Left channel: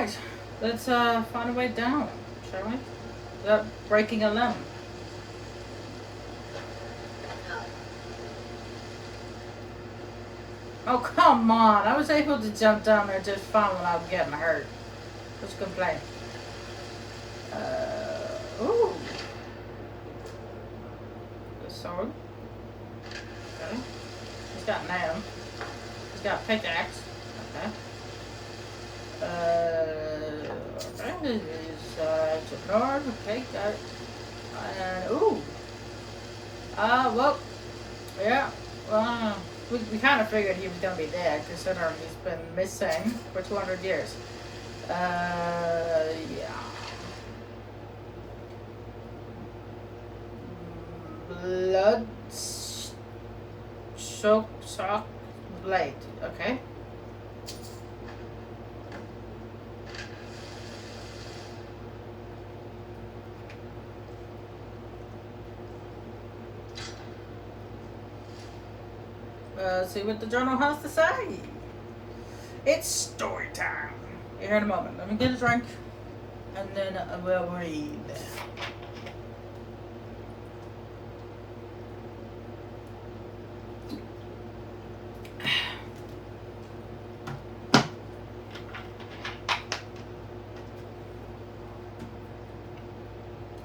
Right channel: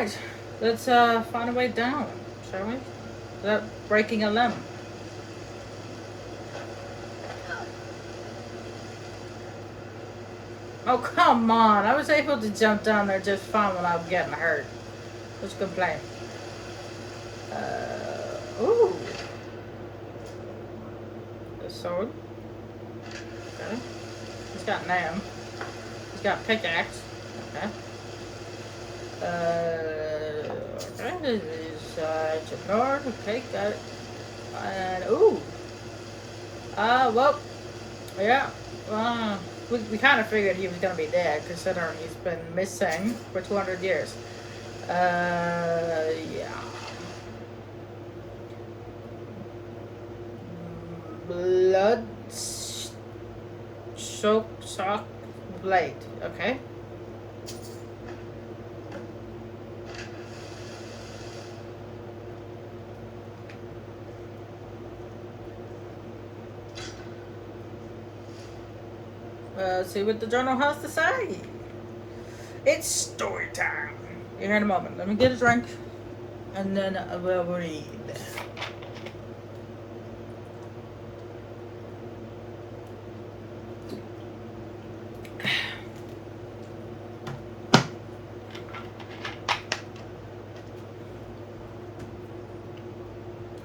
Alright, let's find a way down, shall we? Without breaking a limb. Oh, come on. I was able to jump down there just fine without getting hurt. Who's complaining? Ooh. The sword. Okay. He's got an arm. He's got a pickaxe. Okay. Okay. This is, it's a guard. Okay, got it. Ooh. Well. Yeah. Well, we kind of figured he was going to be dead, considering he's been missing for 200 years. Yeah. Blood soak blade. Okay. Let's see what the journal has to say. It's story time. You're here in a moment. Let me get a drink, and then I will read.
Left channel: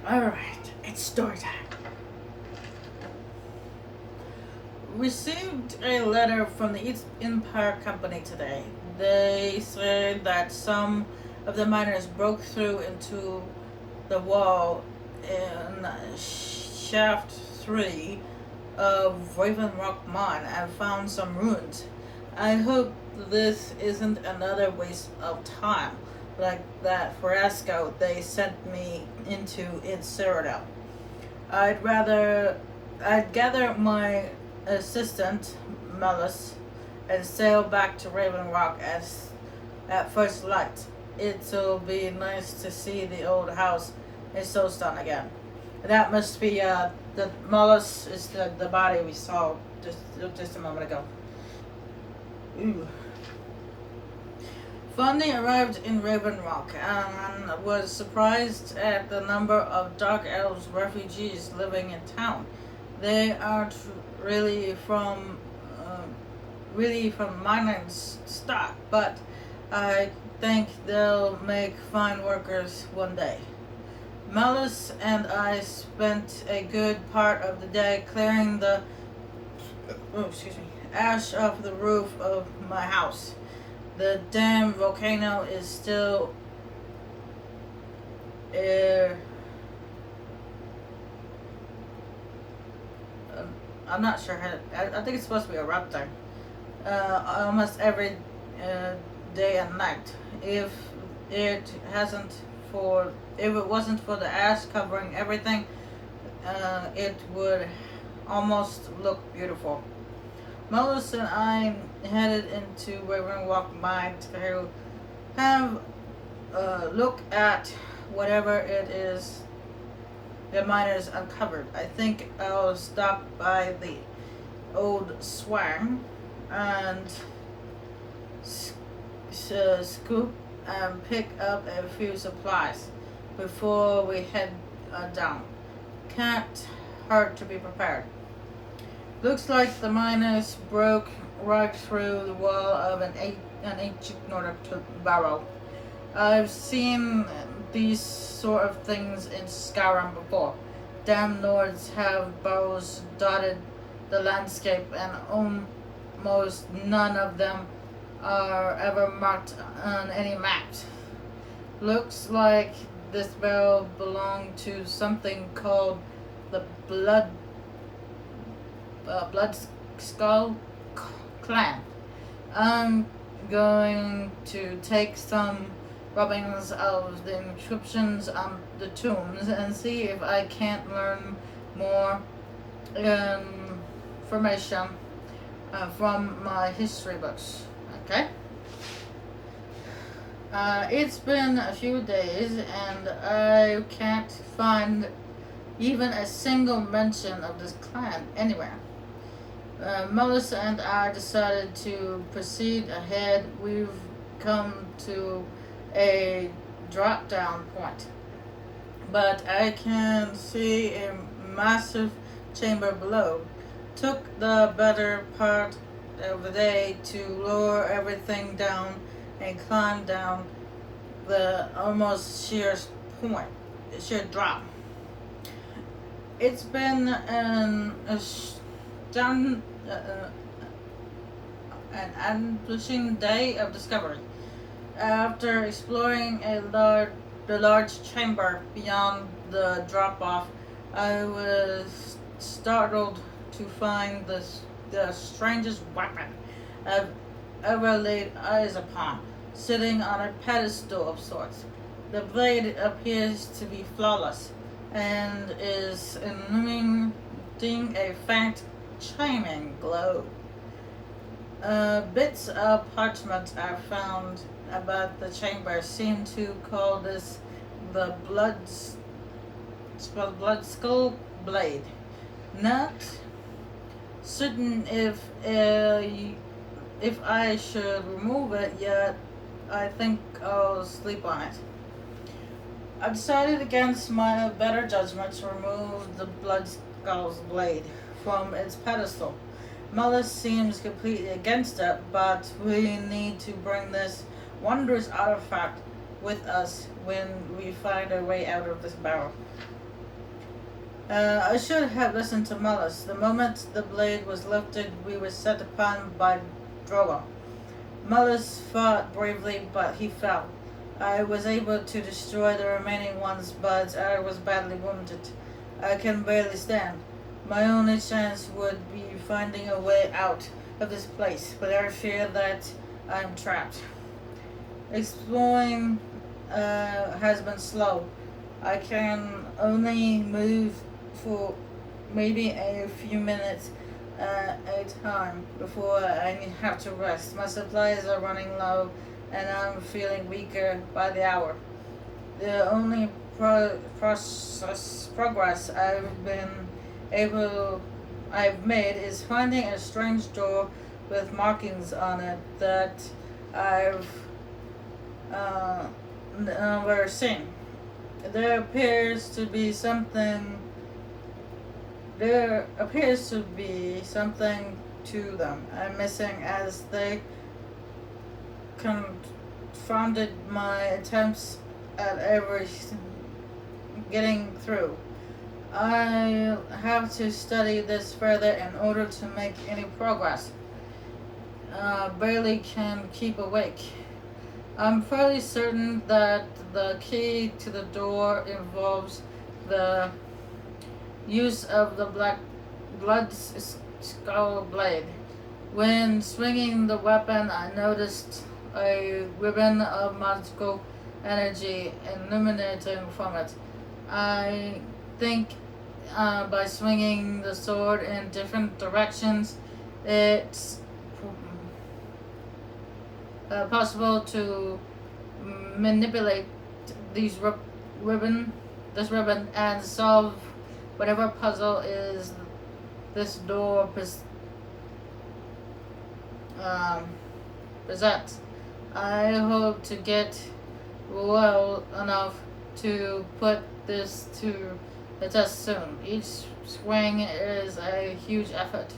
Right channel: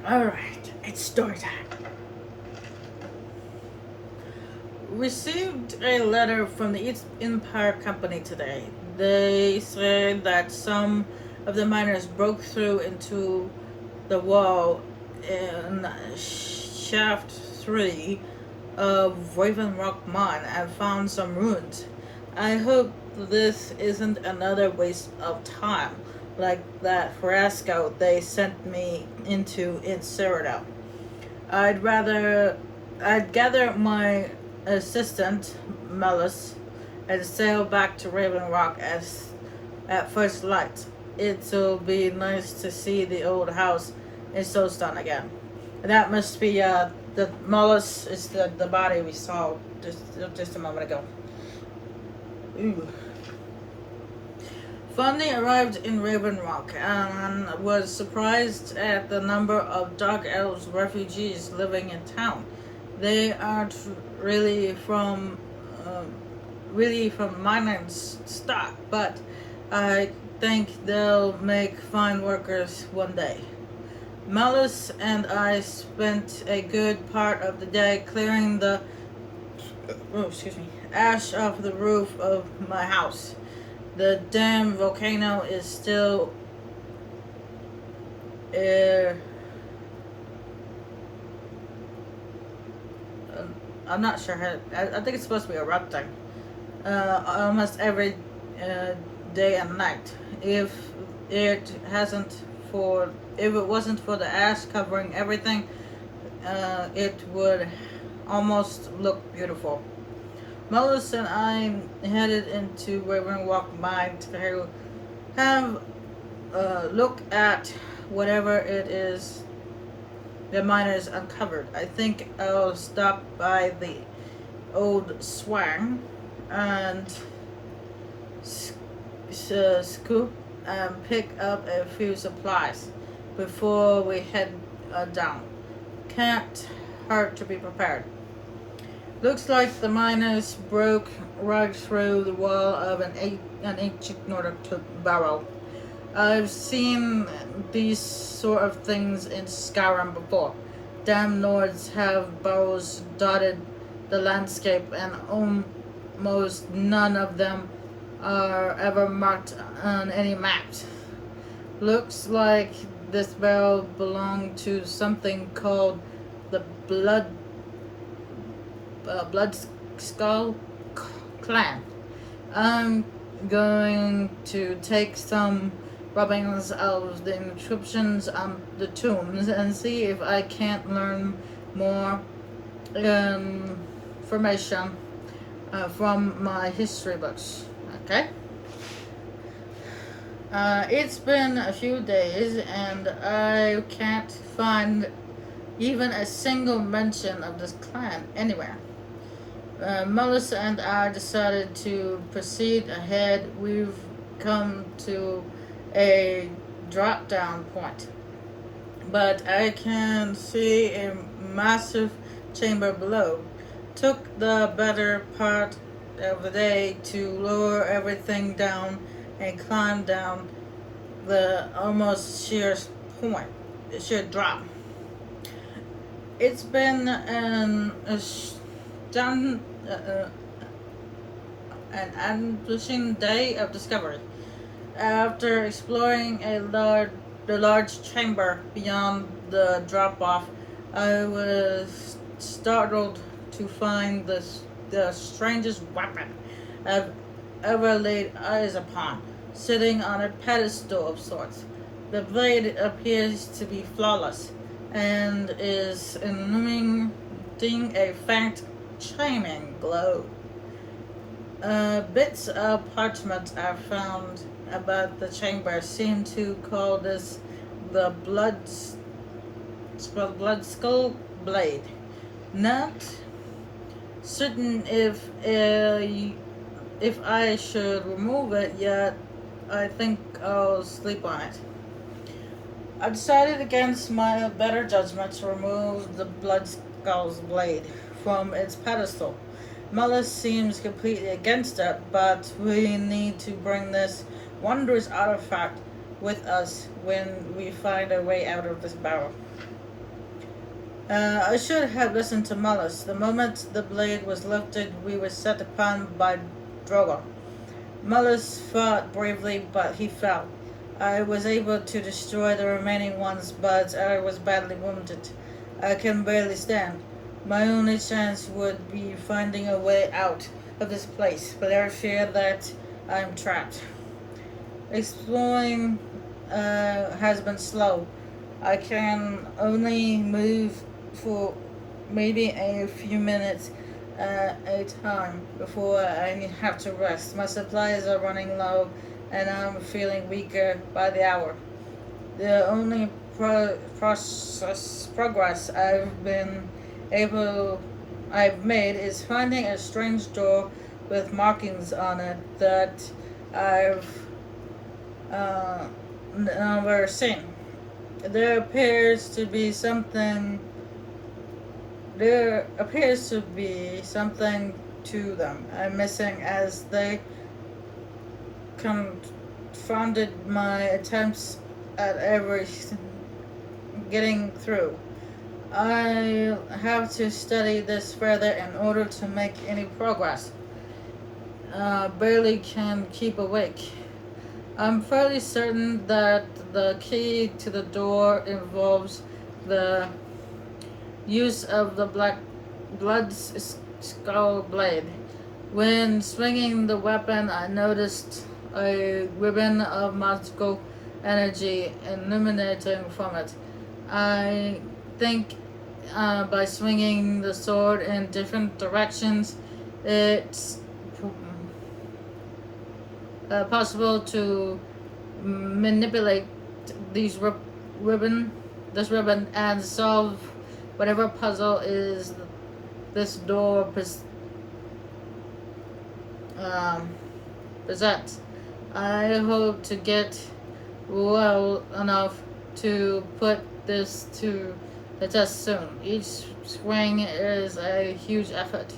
Alright, it's story time. Received a letter from the East Empire Company today. They say that some of the miners broke through into the wall in shaft 3 of Raven Rock Mine and found some ruins. I hope this isn't another waste of time like that fiasco they sent me into in Cyrodiil. I'd gather my assistant, Mellis, and sail back to Raven Rock at first light. It'll be nice to see the old house in Solstheim again. That must be the Mellis is the body we saw just a moment ago. Ooh. Finally arrived in Raven Rock and was surprised at the number of Dark Elves refugees living in town. They aren't really from mining stock, but I think they'll make fine workers one day. Malus and I spent a good part of the day clearing the ash off the roof of my house. The damn volcano is still I'm not sure how. I think it's supposed to be erupting almost every day and night. If it wasn't for the ash covering everything, it would almost look beautiful. Melissa and I headed into Raven Walk Mine to have a look at whatever it is the miners uncovered. I think I'll stop by the old swang and scoop and pick up a few supplies before we head down. Can't hurt to be prepared. Looks like the miners broke right through the wall of an ancient Nordic barrow. I've seen these sort of things in Skyrim before. Damn lords have barrows dotted the landscape, and almost none of them are ever marked on any maps. Looks like this barrel belonged to something called the Blood Skull Clan. I'm going to take some rubbings of the inscriptions on the tombs and see if I can't learn more information from my history books. Okay? It's been a few days and I can't find even a single mention of this clan anywhere. Melissa and I decided to proceed ahead. We've come to a drop down point, but I can see a massive chamber below. Took the better part of the day to lower everything down and climb down the almost point, sheer drop. It's been done, an ambushing day of discovery. After exploring the large chamber beyond the drop-off, I was startled to find the strangest weapon I've ever laid eyes upon, sitting on a pedestal of sorts. The blade appears to be flawless and is illuminating a faint chiming glow. Bits of parchment I found about the chamber seem to call this the blood skull blade. Not certain if I should remove it yet. I think I'll sleep on it. I decided against my better judgment to remove the blood skull's blade from its pedestal. Mullis seems completely against it, but we need to bring this wondrous artifact with us when we find our way out of this barrel. I should have listened to Mullis. The moment the blade was lifted, we were set upon by Drogo. Mullis fought bravely, but he fell. I was able to destroy the remaining ones, but I was badly wounded. I can barely stand. My only chance would be finding a way out of this place, but I fear that I'm trapped. Exploring has been slow. I can only move for maybe a few minutes at a time before I have to rest. My supplies are running low and I'm feeling weaker by the hour. The only progress I've made is finding a strange door with markings on it that I've never seen. There appears to be something to them I'm missing, as they confounded my attempts at getting through. I have to study this further in order to make any progress. Barely can keep awake. I'm fairly certain that the key to the door involves the use of the blood skull blade. When swinging the weapon, I noticed a ribbon of magical energy illuminating from it. I think by swinging the sword in different directions, it's possible to manipulate this ribbon and solve whatever puzzle is this door presents. I hope to get well enough to put this to the test soon. Each swing is a huge effort.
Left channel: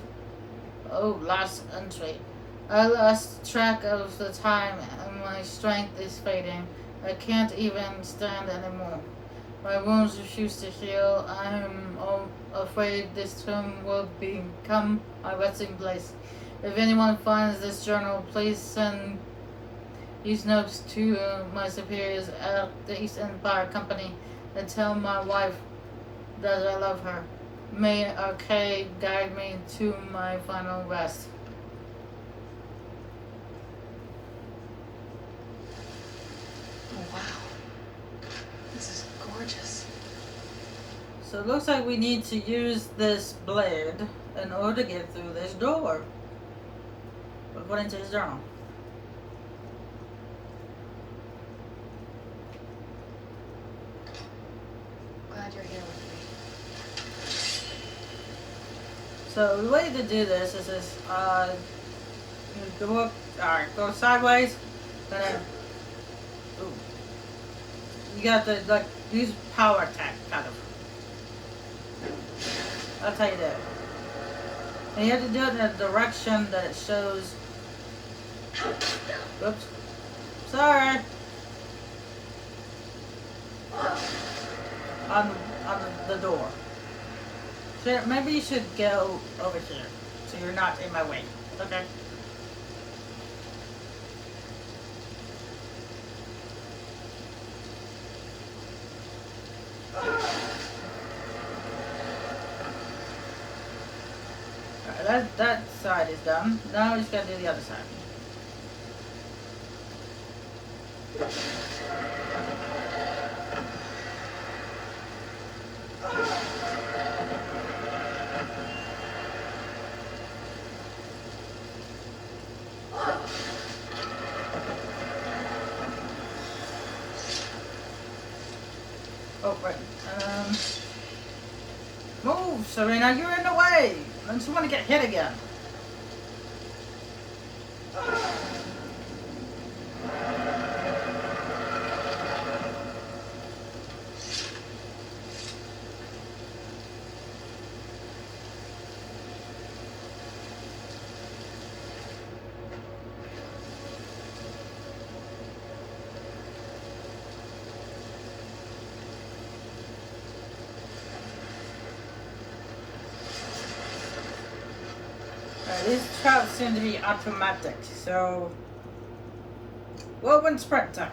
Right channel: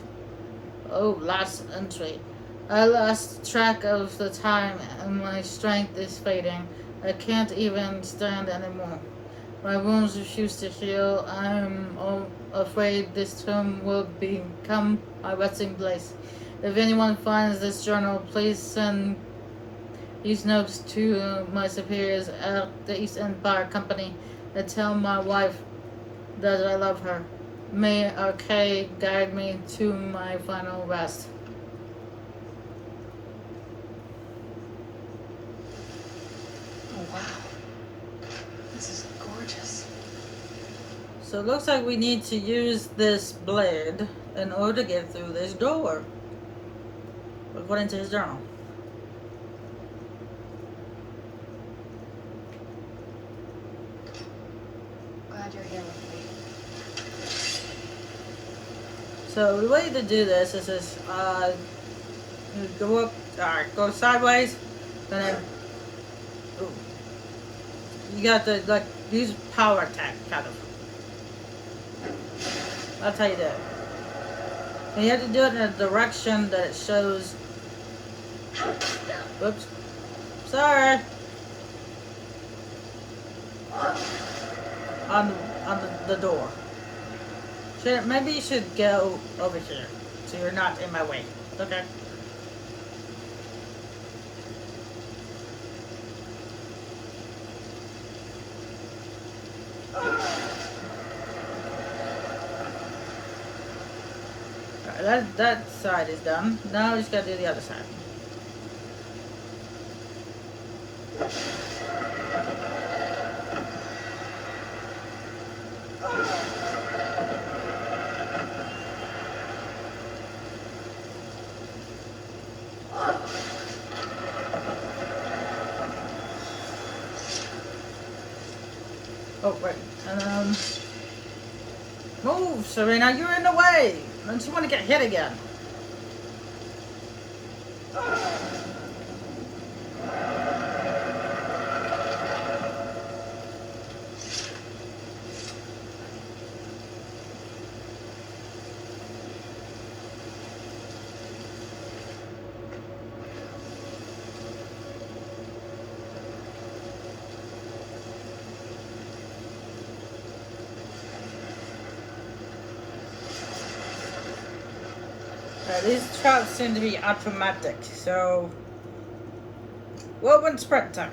Oh, last entry. I lost track of the time and my strength is fading. I can't even stand anymore. My wounds refuse to heal. I am afraid this tomb will become my resting place. If anyone finds this journal, please send these notes to my superiors at the East Empire Company and tell my wife that I love her. May Arcade guide me to my final rest. Oh, wow. This is gorgeous. So it looks like we need to use this blade in order to get through this door, according to his journal. Glad you're here with me. So the way to do this is go sideways, and then Ooh. You got to like use power attack kind of. I'll tell you that. And you have to do it in a direction that it shows. Oops. Sorry. On the door. Maybe you should go over here so you're not in my way. Okay. Alright, that side is done. Now we just gotta do the other side. Oh, right. Move, Serena, you're in the way! Don't you want to get hit again? These traps seem to be automatic, so we'll win sprint time.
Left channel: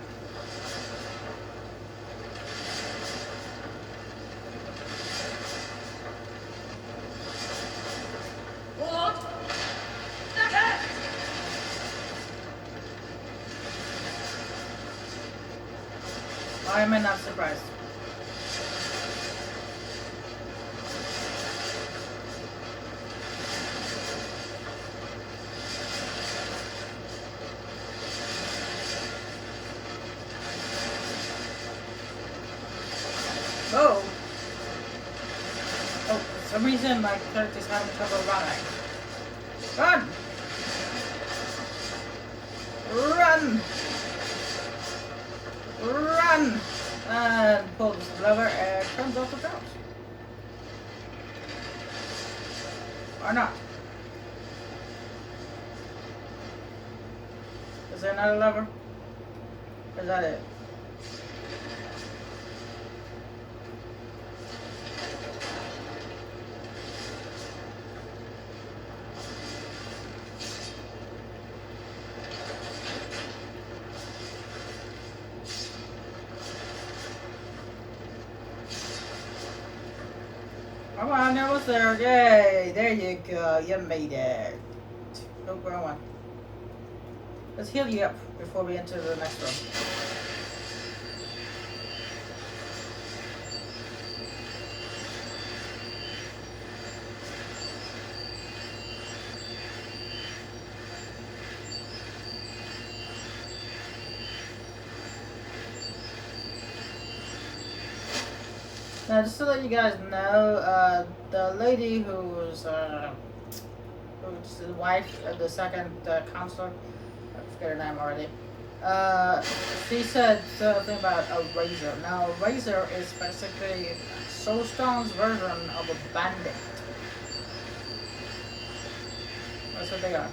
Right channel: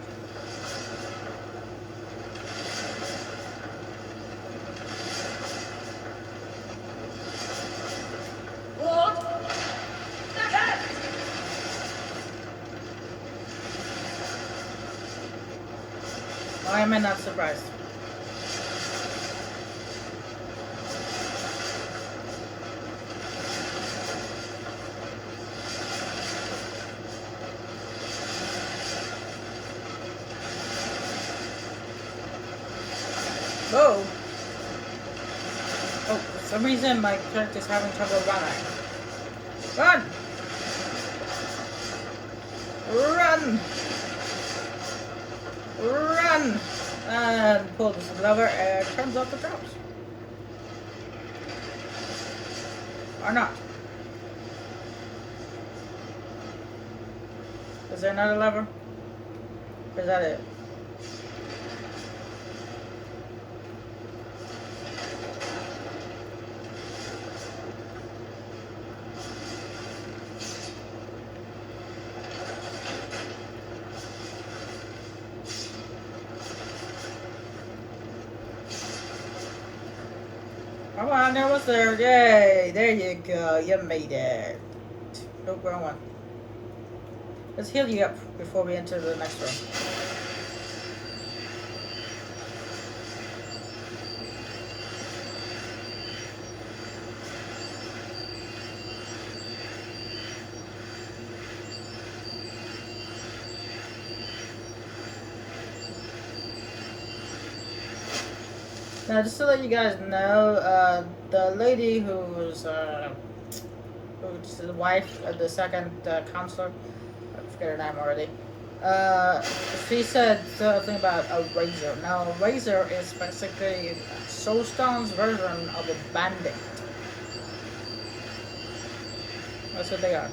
Why am I not surprised? Oh, for some reason my character's having trouble running. Run! Run! Run! And pull this lever and it comes off the traps. Or not. Is there another lever? Or is that it? Come on, almost there. Yay! There you go. You made it. Oh, wrong one. Let's heal you up before we enter the next one. Now, just to let you guys know, the lady who's the wife of the second counselor, I forget her name already, she said something about a razor. Now, a razor is basically Solstheim's version of a bandit. That's what they are.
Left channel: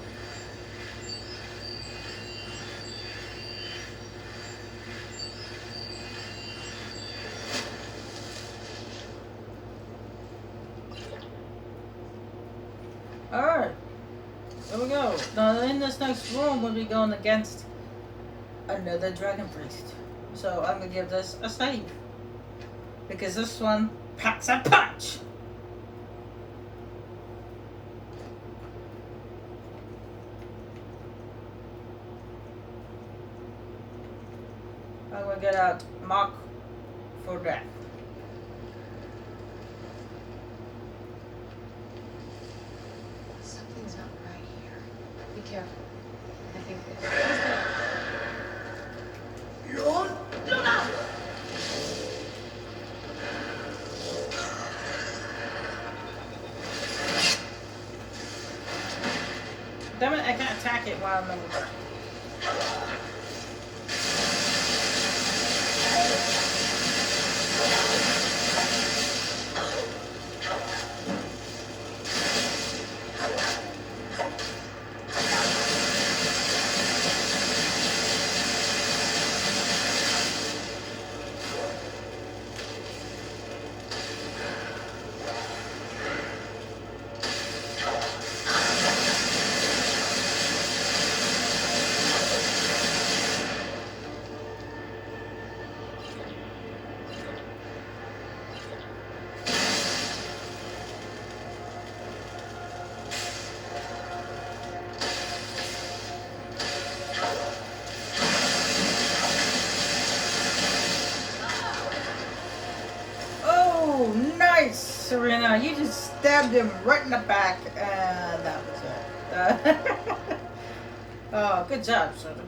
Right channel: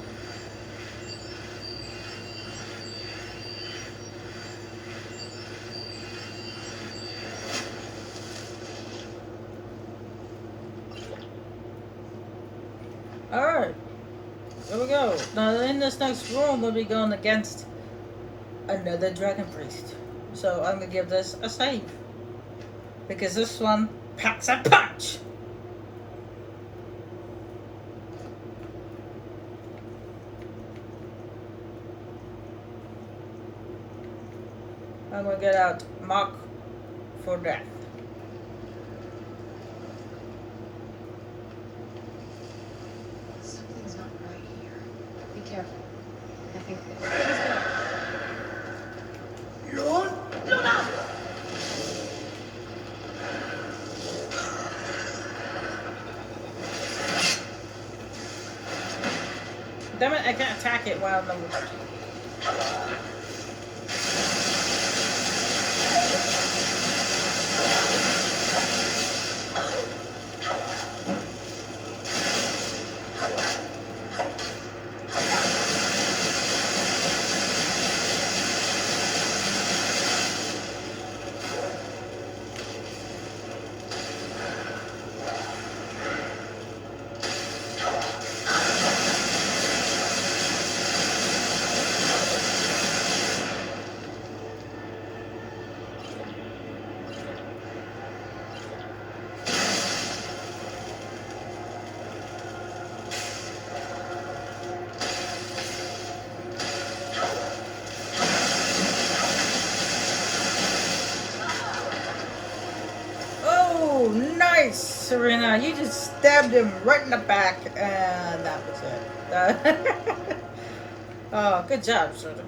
Alright, here we go. Now in this next room we'll be going against another dragon priest. So I'm gonna give this a save. Because this one packs a punch! I'm gonna get out Mark for death. Careful. I think Lord, Luna! Damn it, I can't attack it while I'm Serena. You just stabbed him right in the back, and that was it. Oh, good job, Serena.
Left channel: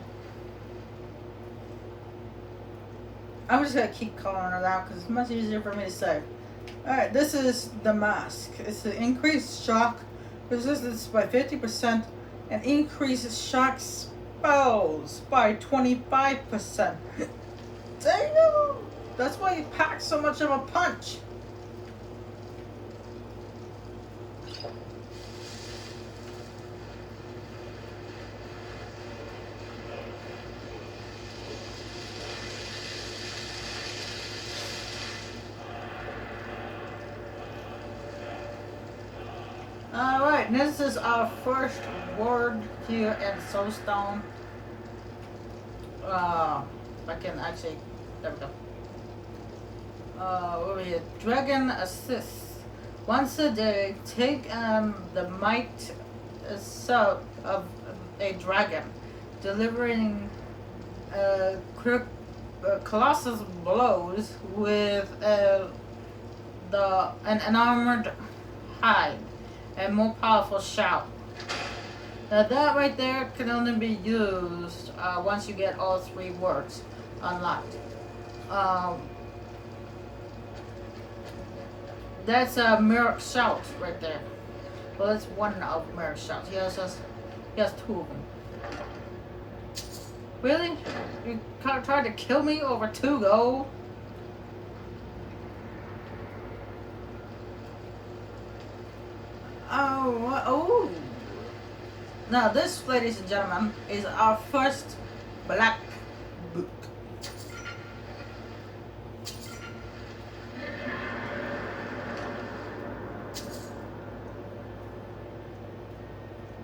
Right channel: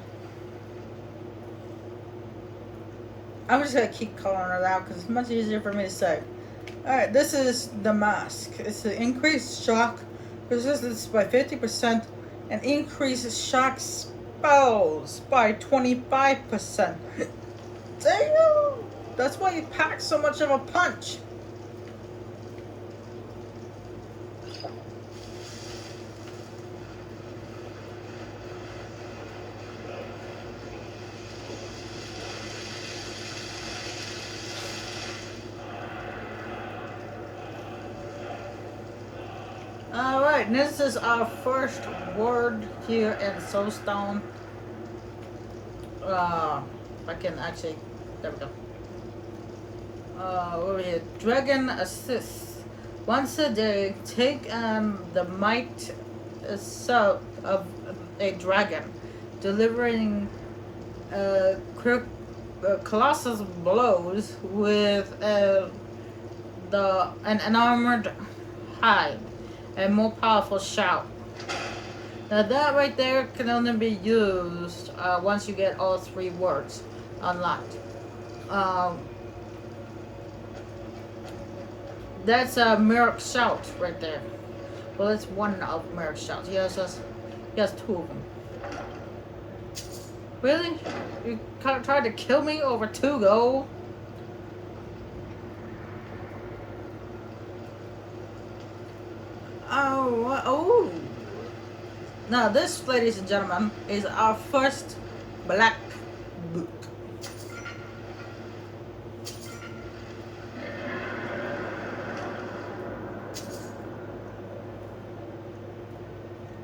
I'm just gonna keep calling her out because it's much easier for me to say. Alright, this is the mask. It's an increased shock resistance by 50% and increases shock spells by 25%. Damn! That's why you pack so much of a punch. Alright, this is our first word here in Solstheim. I can actually, there we go. Over here, Dragon Assist. Once a day, take the might of a dragon, delivering colossal blows with an armored hide. A more powerful shout. Now that right there can only be used once you get all 3 words unlocked. That's a Merrick's shout right there. Well, that's one of Merrick's shouts. He has 2 of them. Really? You tried to kill me over 2 gold? Oh. Now this, ladies and gentlemen, is our first black book.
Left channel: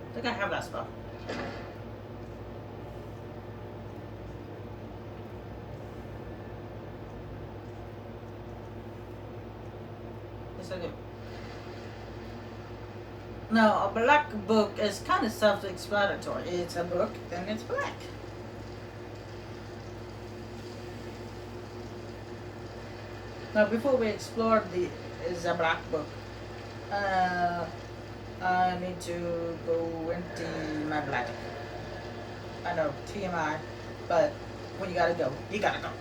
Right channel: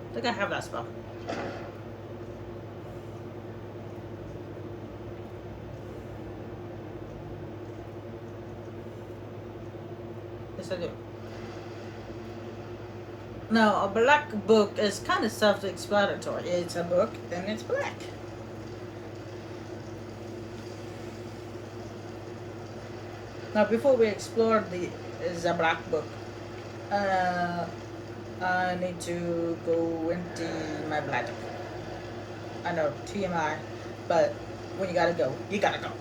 I think I have that spell. Yes, I do. Now, a black book is kind of self-explanatory. It's a book and it's black. Now, before we explore the black book, I need to go empty my black. I know, TMI, but when you gotta go, you gotta go.